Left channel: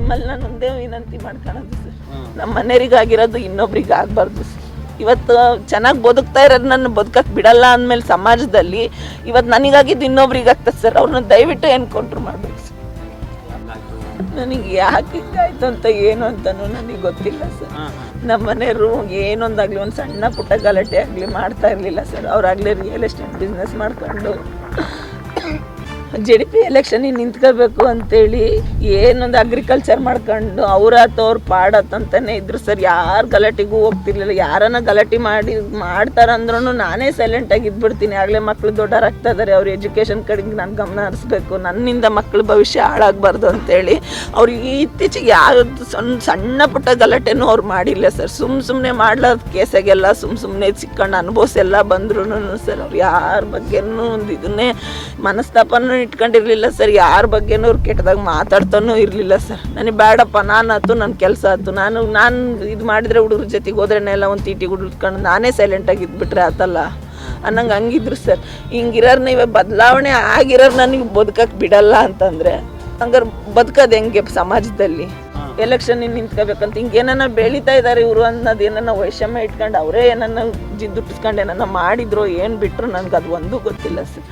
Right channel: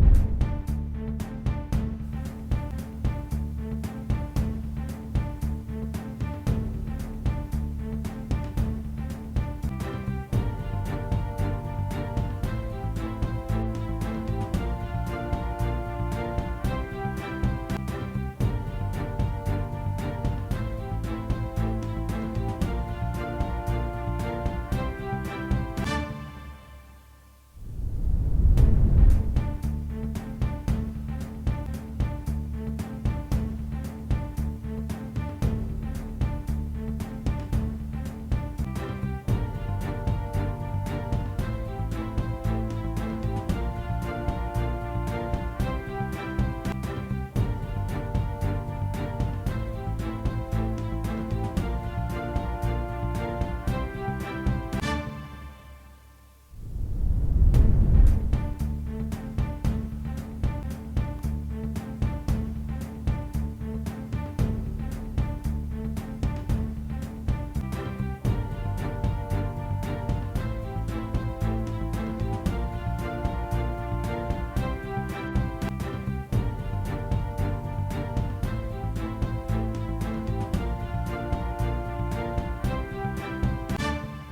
ನಿಮ್ಮಲ್ಲಿ ನಾನು ಒಂದೇ ವಿನಂತಿ ಮಾಡ್ಕೊಳ್ಳೋದು ಸರ್, ನಮ್ಮ ಮನೆಯವರಿಗಾಗಿರೋದು ಇನ್ನೊಬ್ರಿಗೆ ಆಗಬಾರ್ದು ಸರ್. ಇವತ್ತು ಚೆನ್ನಾಗಿ ಬದುಕ್ತಾ ಇರೋದು ನನ್ನ ಬದುಕಕ್ಕೆ ಬಿಡಲ್ಲ ಅಂದಮೇಲೆ ಸಮಾಜದಲ್ಲಿ ಇವತ್ತು ನನಗಾಗಿದ್ದು ಇನ್ನೊಬ್ರಿಗೆ ಆಗ್ತದೆ ಸರ್. ಅವ್ರನ್ನ ದಯವಿಟ್ಟು ಎನ್ಕೌಂಟ್ರ್ ಮಾಡಬೇಕು ಸರ್. ನನಗೆ ಯಾಕೆ ಹಿಂಗಾಯ್ತು ಅಂತ ಏನು ಅಂತಲೂ ನನಗೆ ಗೊತ್ತಿಲ್ಲ ಸರ್. ನಮ್ಮ ಮನೆಯವರು ಏನೊಂದಾಗಲಿ ಒಂದು ಸಣ್ಣ ಪುಟ್ಟ ಗಲಾಟೆ ಆಗಲಿ ಮಾಡ್ತಾ ಇರಲಿಲ್ಲ ಸರ್. ಅವರಾಗಲೇ ರಿಯಲ್ ಎಸ್ಟೇಟ್ ಬಿಸ್ನೆಸ್ ಮಾಡ್ಕೊಂಡು JDP ಎಲೆಕ್ಷನಿಗೆ ನಿಂತ್ಕೋಬೇಕು ಅಂತೇಳಿ ಏನೊಂದು ಅಗ್ರಿಕಲ್ಚರ್ ಮಾಡ್ಕೊಂಡು ಅವ್ರ ಪಾಡತ್ತಂತಾನೆ ಇದ್ರು ಸರ್. ಯಾರು ಗಲಾಟೆಗೂ ಹೋಗ್ತಿರ್ಲಿಲ್ಲ. ಯಾರನ್ನ ಗಲಾಟೆ ಮಾಡ್ತಾರಂದ್ರೂ ನಾನೇ ಸೈಲೆಂಟಾಗಿ ಇದ್ಬಿಡ್ತೀನಿ. ಆಗಲೇ ಮಕ್ಕಳು ದೊಡ್ಡರಾಗ್ತಾ ಇದ್ದಾರೆ, ಅವ್ರ ಎಜುಕೇಷನ್ ಕಡೆಗೆ ನಾನು ಗಮನ ಹರಿಸ್ಬೇಕು, ನನ್ನಿಂದ ಮಕ್ಕಳ ಭವಿಷ್ಯ ಹಾಳಾಗಬಾರ್ದು ಅಂತೇಳಿ ಅವ್ರಿಗೆ ಇತ್ತೀಚೆಗೆ ಯಾವ್ದು ಸಣ್ಣ ಪುಟ್ಟ ಗಲಾಟೆನೂ ಅವ್ರು ಮಾಡಿಲ್ಲ ಸರ್. ಸುಮ್ಮನೆ ಮಾಡ್ಲಾರ್ದ ಕೇಸಾಗೆಲ್ಲ ಸುಮ್ಮನೆ ಸಿಕ್ಕೊಂಡು ಅನುಭವಿಸೆಲ್ಲ ಬಂದ್ರು ಸರ್. ಅವ್ರು ಯಾರ ಬಗ್ಗೆನೂ ಒಂದು ಇದನ್ನೇ ಮನಸ್ತಾಪನೂ ಇಟ್ಕೊಂಡಿರಲಿಲ್ಲ ಸರ್. ಯಾರ ಬಗ್ಗೆನೂ ಅವ್ರು ಕೆಟ್ಟದಾಗ ಮಾತಾಡ್ತಾನೂ ಇರಲಿಲ್ಲ ಸರ್. ನನಗೆ ಬೇಡಪ್ಪ, ನಾನು ಆಯ್ತು, ನನ್ನ ಕೆಲಸ ಆಯ್ತು, ನಾನು ಇದು ಮಾಡಿದರೆ ಹುಡುಗ್ರ ಜೊತೆಗೆ ಹೋದ್ರೆನೆಲ್ಲ ಒಂದು ತೀಟಿಗೆ ಹುಡ್ಕೊಂಡು ನಾನೇ ಸೈಲೆಂಟಾಗಿ ಇದ್ಬಿಟ್ರೆ ಆತಲ್ಲ ಅನ್ನಂಗೆ ಹಂಗಿದ್ರು ಸರ್. ಹಿಂಗಿರೋರ್ನ ಇವಾಗ ಬದಲಾವಣೆ ಆಗಿರೋರು ನನಗೆ ಬದುಕಕ್ಕೆ ಬಿಡಲ್ಲ ಅಂತಂದರೆ ಹಂಗಾರೆ ಬದುಕೋದು ಹೆಂಗೆ ಸಮಾಜದಲ್ಲಿ? ಎಲೆಕ್ಷನ್ ನಿಂತ್ಕೋಬೇಕಂತ ಹಿಂಗೆ ಏನನ್ನ ಬೆಳೀತಾ ಇದ್ದಾರೆ ಇವರು ಅನ್ನೋದು ಏನನ್ನ ವೈಷಮ್ಯ ಇಟ್ಕೊಂಡು ಅವರೇ ಏನನ್ನ ಜಿದ್ದುಪಿಸ್ಕೊಂಡು ಏನನ್ನ ಮಾಡಿದ್ರು ಏನು ಬಿಟ್ಟರು ನನಗೆ ಅದು ಒಂದೂ ಗೊತ್ತಿಲ್ಲ ಸರ್.